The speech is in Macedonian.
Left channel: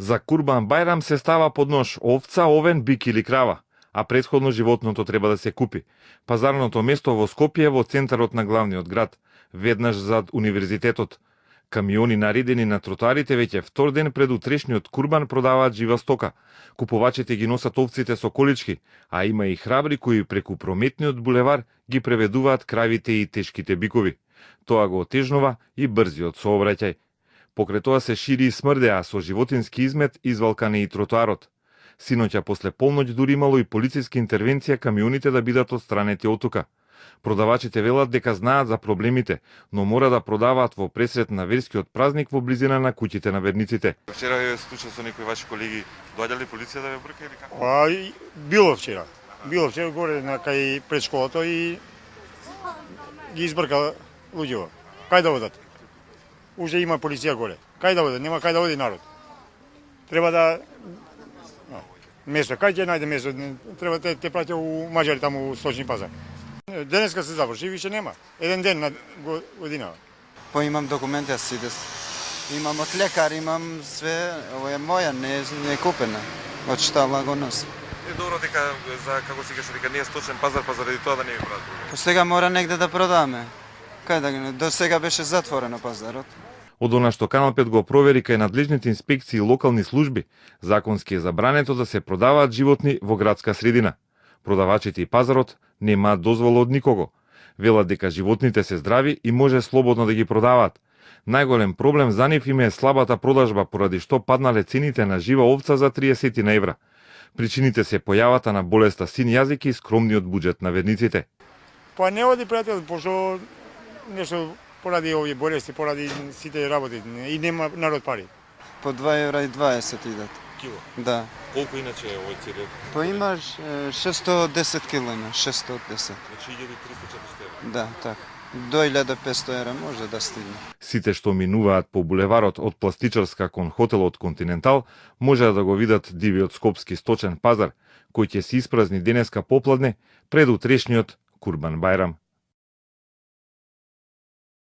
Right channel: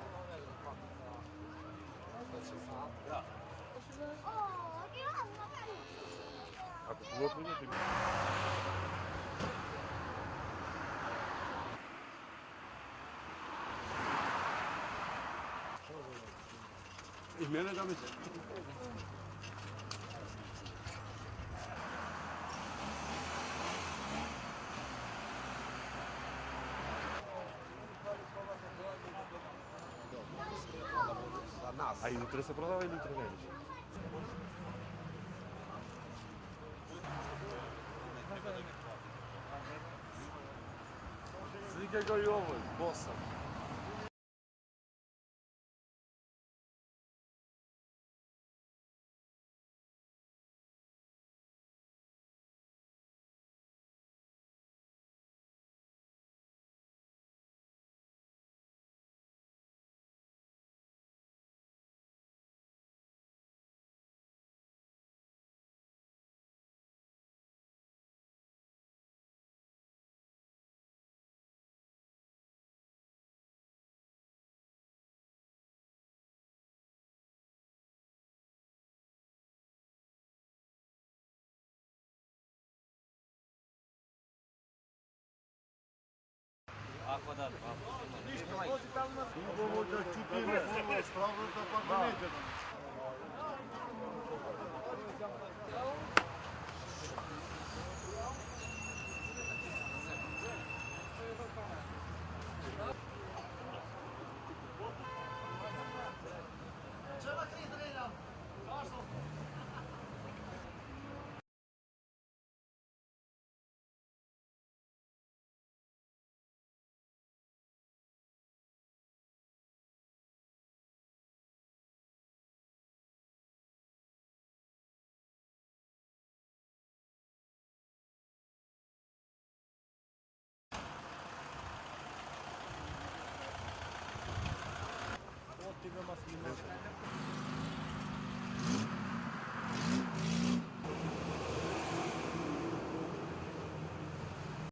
За Курбан Бајрам се става под нож овца, овен, бик или крава, а претходно животното треба да се купи. Пазарното место во Скопје во центарот на главниот град, веднаш зад универзитетот. Камиони наредени на тротоарите веќе втор ден пред утрешниот Курбан продаваат жива стока. Купувачите ги носат овците со колички, а има и храбри кои преку прометниот булевар ги преведуваат кравите и тешките бикови. Тоа го отежнува и брзиот сообраќај. Покрај тоа се шири и смрде, а со животински измет извалкане и тротоарот. Синоќа после полноќ дури имало и полициска интервенција камионите да бидат отстранети од тука. Продавачите велат дека знаат за проблемите, но мора да продаваат во пресрет на верскиот празник во близина на куќите на верниците. Вчера е случај со некои ваши колеги, доаѓа ли полиција да ве брка или како? Било вчера. Било вчера горе на кај пред школата и ги избрка луѓето. Кај да одат? Уже има полиција горе. Кај да одат? Нема кај да оди народ. Треба да место, кај ќе најде место? Треба те праќа у Маđари таму у сточни пазар. Денеска се заврши, више нема. Еден ден на година. Па имам документи, аз сидес. Имам од лекар, имам све, ова е моја, не е купена. Од штала го носи. Е добро дека за како си кажа дека не е сточен пазар, па заради тоа да не ви прават. По сега мора негде да продаме. Кај да ги до сега беше затворено пазарот. Од она што Канал 5 го провери кај надлежните инспекции и локални служби, законски е забрането да се продаваат животни во градска средина. Продавачите и пазарот немаат дозвола од никого. Велат дека животните се здрави и може слободно да ги продаваат. Најголем проблем за нив им е слабата продажба, поради што паднале цените на жива овца за 30 евра. Причините се појавата на болеста син јазик и скромниот буџет на верниците. Па не оди пријател, пошто нешто поради овие болести, поради сите работи и нема народ пари. По 2 евра и 20 идат. Кило? Да. Колку иначе е овој цели? Па имаш 610 кило има, 610. Значи 1300-400 евра. Да, така. До 1500 евра може да стигне. Сите што минуваат по булеварот од Пластичарска кон хотелот Континентал може да го видат дивиот скопски сточен пазар, кој ќе се испразни денеска попладне пред утрешниот Курбан Бајрам.